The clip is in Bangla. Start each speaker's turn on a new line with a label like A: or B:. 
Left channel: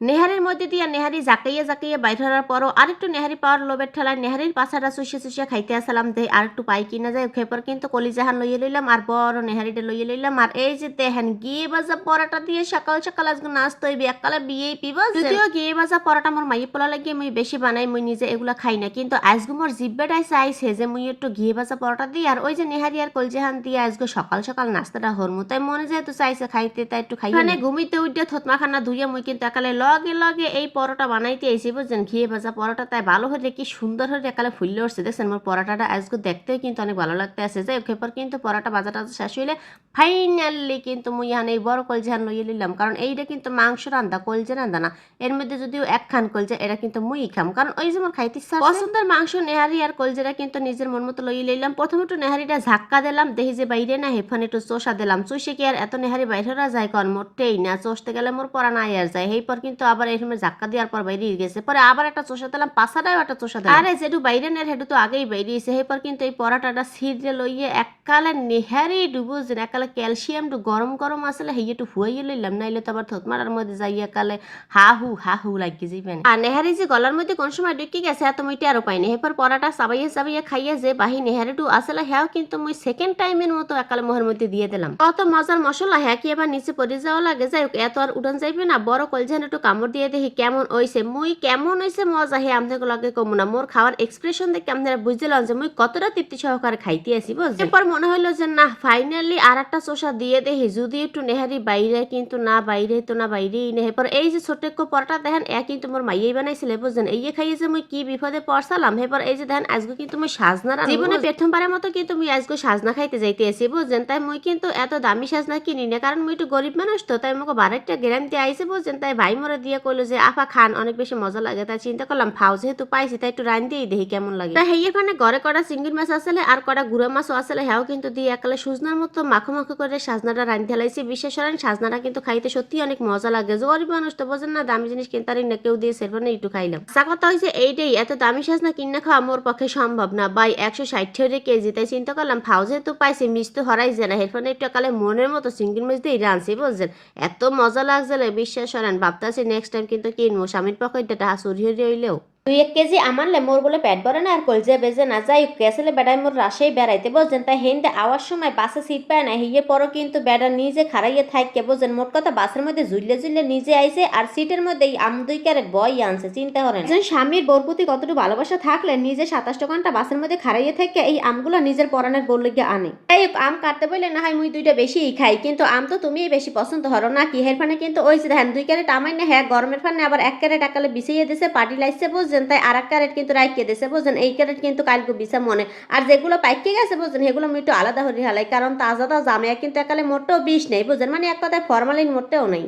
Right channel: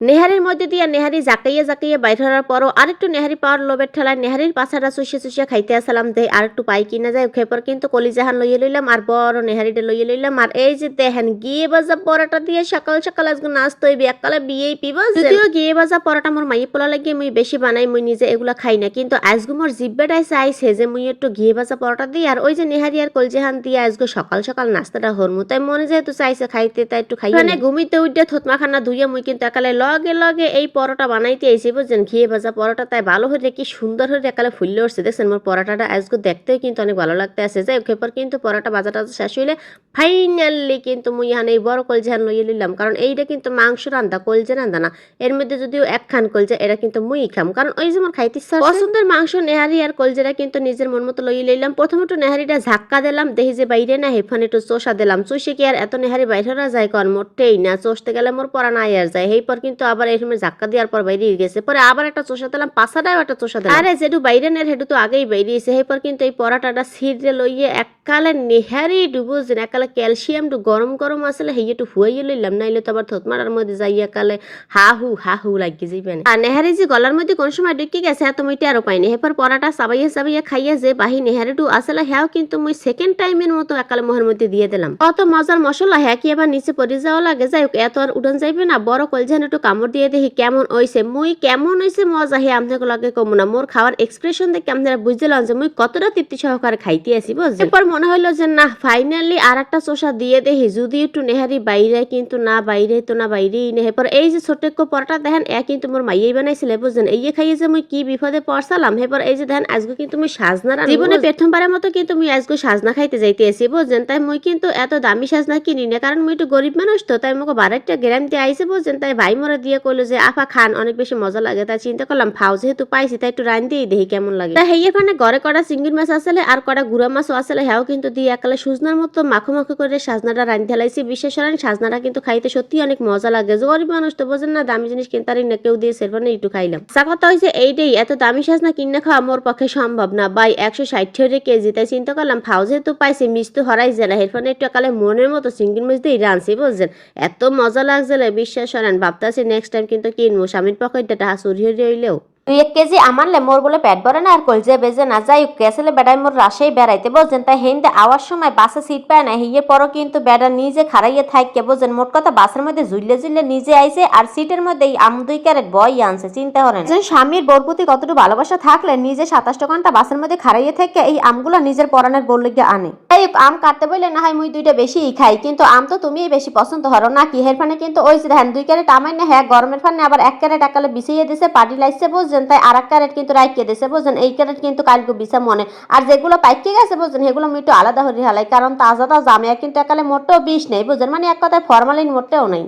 A: নেহারির মধ্যে দিয়ে নেহারি জাকাইয়া জাকাইয়া বাইর হওয়ার পরও আরেকটু নেহারি পাওয়ার লোভের ঠেলায় নেহারির পাছাটা চুষিয়ে চুষিয়ে খাইতে আসলাম দেই আরেকটু পাই কিনা যায় খেপর কিন্তু কলিজাহান লইয়ে লইলাম আর বড় নেহারিটা লইয়ে লইলাম। আর এই যে দেখেন গিয়ে বাজা পরাটা দিয়ে সকাল সকাল আজকে নাচতে হইবে এককালে বিয়েই পিব যদিও গিয়ে বাজা পরাটা মোর মাইয়ে পোলা লাগিয়ে মুই বেশি বানাই মুই নিজে এগুলা খাই না কিন্তু আজকে মোর জিব্বাটাই চাইছে যে মুই একটু ঘিয়ে ভাজা পরোটা দিই আর ওই যে নেহারি আর কলজেহান দিয়ে আজকে সকাল সকাল নাস্তাটা হরমু তাই মনে যেহেতু চাইছে খাইতে তাই একটু খাই মানে ঘুমিতে উঠে থতমা খানা ধুইয়া মুই কিন্তু একালে লগে লগে এই পরোটা বানাইতে আইছি, বুঝছেন? ঘিয়ে ভাজা পরোটা, তাই ভালো হলে কি সুন্দর হলে একালে ফুললে উঠছে। দেখছেন, মোর পরোটাটা আজকে দেখতেও কিন্তু অনেক ভালো লাগতে আছে যে খেপর কিন্তু পরোটা বাজাটা শেষ হইলে ফাইনালি কিন্তু মুই এখানে এই বড় কলজেহান লইয়ে নিলাম কারণ এইটা কিন্তু মাংস রান্দা কলজে রান্দা না। এর মধ্যে যদিও এক খান কলজে, এটা কিন্তু মুই খাম। কারণ ওই যেমন খাইতে। পছন্দের মাংস নেহারি আর কলজেরা কিন্তু নিজের মন মতো লইয়ে লইলাম। প্রথমে একটু নেহারিটা ঝাক্কা দিলাম, দেখি যে বাইরে না হেফান একটু চোষা দিলাম। চুষে কি আর এত নেহারি বাইরে যায় কর মোটেই না, চষতে গেলে মোর পরা নাই আর যায়। এই পর কিন্তু আবার এই সময় ঝাক্কা দেওয়ার পর বাইরে গেছে। পরে আবার একটা চোষা দিলাম পাশাটাও একটা চোষা দিলাম। আরে যেটু বাইরে নের হেটু তো আগেই বাইরিয়েছে এই পর কিন্তু এই পরাটাটা সিটে লইয়ে এককালে নেহারি ডুবো যে একালে ক্যালসিয়াম টু গরম গরম আসলে হেই একটু হুয়াইয়ে লইলাম নাইলে তো আবার থতমারার মধ্যে যাইয়া কালে হা হু হা হু লাগিয়ে যাইবেন। আর নেহারি যে গলার মধ্যে কোন সময় ঢুকি গেছে এত মুইটা আরও পাইনি এরপর পরাটা চাবাইয়া চাবাইয়া খাইয়া যে বাহি নেহারিটু আসলে হ্যাঁ কিন্তু মুই সেকেন্ড টাইমের মতো একালে মোহের মধ্যে দিয়ে দিলাম। কত মজার মশলা হ্যাঁ কি এবার নিচে পড়ে যাওয়া লাগে? যাই হোক এত আর উড়ান যাইবে না। বড় কলজান একটু কামড় দিয়ে দেখি কেমন হইছে। মুই কেমন হইছে মজা হে আপনাকে লাগে কমু না। মোর খাওয়ার এক্সপ্রেশন দেখে আপনারা বুঝলাম যে মুই কতটা তৃপ্তি সহকারে খাইতে আসি বুঝছেন এরপর মনে হইল যে না ফাইনালি আর একটা চোষা দিয়ে দেখি যদি একটু নেহারি বাইরে কিন্তু না বাইরে তো না বাইরেই নেই এরপর এই যে ছোট্ট একটু পরোটা দেখেন এ কিন্তু মোর মাইয়াই বানাইছিল বুঝছেন? এই খাইয়ে যে মুই কি বিপদে পড়সালাম এরপর এই যে দেখেন আজকে কিন্তু মুই সাজনা জীবনে প্রথমবারের মতো কিন্তু মুই আজকে সাজনা খাইতে যাইতে আসি বুঝছেন? তাই মুই কিন্তু এত দামি সাজনা কিনি না কারণ মুই একটু গরিব মানুষ তো তাই মুখে বারেকটা গ্যারান্টি আইসে বুঝছেন? তাই ভাই মোরা দিয়ে কইলো যে আফা খান, অনেক বেশি মজা লাগে। তাই চিন্তা করলাম, ফাও, যেহেতু পাইছি, তাই একটু রান দিয়ে দেখি কেমন লাগে। তাই হেয়ে ফানে ঘরে কটা চিংড়ি মাছ আসলে আর কটা গুড়া মাছও আসলে হ্যাও কিন্তু দিয়ে একালে সুজনার মতো মাখো মাখো করে সাজনাটা রান্ধি হেলাইছি বিশেষ করেন, সাজনাটা কিন্তু খাইতে সত্যি অনেক মজা লাগে। যে গরিব মানুষ তো বোঝেন না, দামি জিনিস কিনতারি না কেউ দিয়ে সেরফানে একটু খাইলাম। সা কথা হয়েছে এইটাই, এত দামি সাজনা কিনে খাওয়া মোর পক্ষে সম্ভব না। বাই একশো ষাট টাকা কেজি, তাই চিন্তা করলাম, ফাও যেহেতু পাইছি মিস তো হরাই যায় না হেরফোনে একটু একালে মনের মতো চিংড়ি মাছ দিয়ে রাঁধছি, বুঝছেন? এত মজা লাগছে বিশ্বাস করেন, ভাবতেছি নেক্সট টাইম কিন্তু কিনবো। স্বামীর পকেটটা টাকা চুরি হয়ে হইলেও দুই এক কেজি আমারলে মোর বলে পেট ভরে না আর কলজে বেজে না যাই কেসলে বেড়াই মোর রাশেই বেড়াইতে বুঝছেন তাই হেনতে আওয়ার সময় বাসে সিট পায় না হিয়ে পরও কিন্তু বেড়া নিজে খারাইয়ে থাককে বুঝছেন মোট কথা বাসের মধ্যে ঝুললে ঝুললে নিজে আইছে আর সিটের মধ্যে আম দুই ক্যারেট বই আনছে, চিন্তা করেন যে স্বামীর বোর প্রতি কতটুকু ভালোবাসা থাকলে নিজে সাতাশ ঘণ্টা বাসের মধ্যে খারাইয়ে থেকে এই আমগুলো নিজের পরানের বললে গিয়ে আনে। এই আম কাটতে বললে না হয় মুই দুইটা বেশি খাই, কিন্তু আম তো তুমিই বেশি পছন্দ হরো না। কি হের ফানে কিন্তু ওই যে ধ্যান দুই ক্যারেট আমাই না হ্যাঁ গরমের ফানে আবার এক ক্যারেট একালে বিছিয়ে দিছে পার্টি পাটি লাইছে বুঝছেন তাই আর এক ক্যারেট কিন্তু রাইকে দিয়েছে বুঝছেন এই ক্যারেট কিন্তু কালকে বিষে মনে। আর যেগুলো পাইকে গেছে বুঝছেন সেগুলো একটু আলাদা হয়ে হালাই কারণ তাজা তাজা আমি কিন্তু একালে মোটেও বিষ নেই বুঝছেন মানে এক কথায় ফরমালিন মোটেও নেই।